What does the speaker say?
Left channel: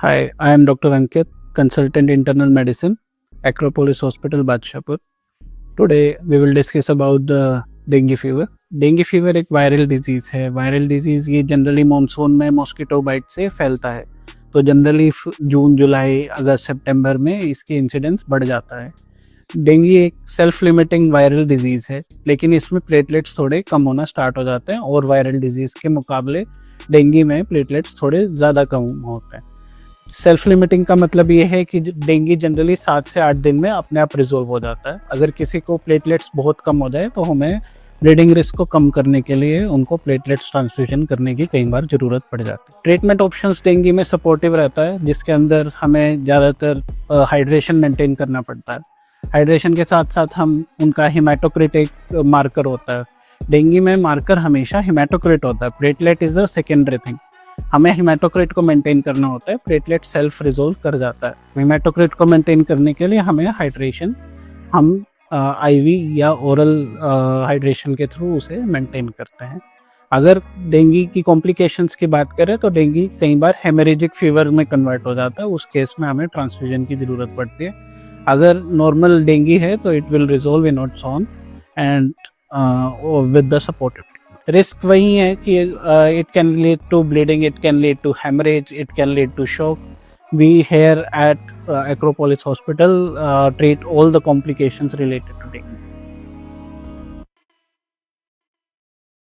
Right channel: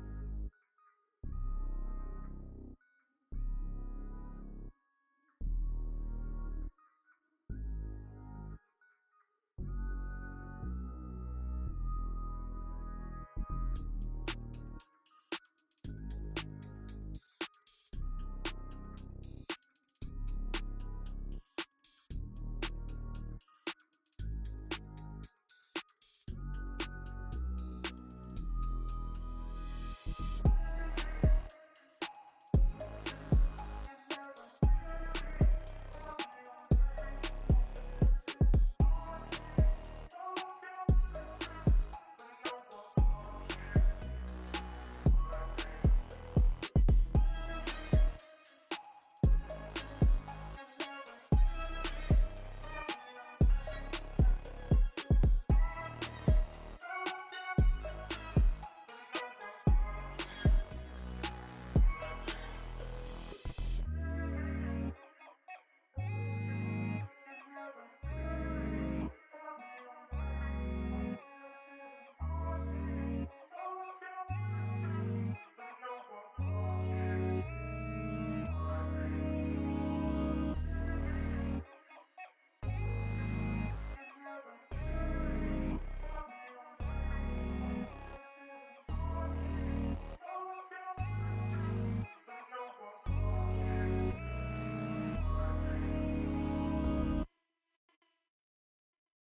Hi, I am Dr. Ankit, consultant internal medicine, Acropolis Hospital, Badshapur. Today we will discuss about the dengue fever. Dengue fever एक viral disease है। Viral disease ये generally monsoon में mosquito bite से फैलता है। तो generally जून, जुलाई, अगस्त, सितंबर में इसकी इंसिडेंस बढ़ जाता है। डेंगू एक सेल्फ लिमिटिंग वायरल डिजीज़ है, लेकिन इसमें प्लेटलेट्स थोड़े कम होना स्टार्ट हो जाते हैं और वायरल डिजीज़ के मुकाबले डेंगू में प्लेटलेट्स थोड़े ज़्यादा कम होते हैं। सेल्फ लिमिटिंग का मतलब ये है कि डेंगू जनरली 7 से 8 दिन में अपने आप रिजोल्व हो जाता है। अगर किसी को प्लेटलेट्स बहुत कम हो जाए तो हमें ब्लीडिंग रिस्क को कम करने के लिए उनको प्लेटलेट्स ट्रांसफ्यूजन करने की कई बार ज़रूरत पड़ जाती है। ट्रीटमेंट ऑप्शंस डेंगू में सपोर्टिव रहता है, जिसके अंदर हमें ज़्यादातर हाइड्रेशन मेंटेन करना पड़ता है। हाइड्रेशन के साथ साथ हम उनका हिमेटोक्रिट एक मार्कर होता है। डेंगू में मार्कर हमेशा हिमेटोक्रिट होता है, platelet is a secondary thing. हमें हिमेटोक्रिट को मेंटेन करना होता है, प्लेटलेट सेल्फ रिजोल्व कर जाता है। हिमेटोक्रिट को मेंटेन करने के लिए हमें हाइड्रेशन हम आईवी या ओरल हाइड्रेशन के थ्रू उसे मेंटेन करते हैं। अगर डेंगू की कॉम्प्लिकेशंस की बात करें तो डेंगू कई बार हेमरेजिक फीवर में कन्वर्ट हो जाता है। उस केस में हमें ट्रांसफ्यूजन की ज़रूरत पड़ती है। अगर नॉर्मल डेंगू है तो it will resolve in its own and with the supportive risk वही है कि it can lead to bleeding, it can lead to haemorrhage, it can lead to shock. We here at Acropolis Hospital treat all the complications related to dengue.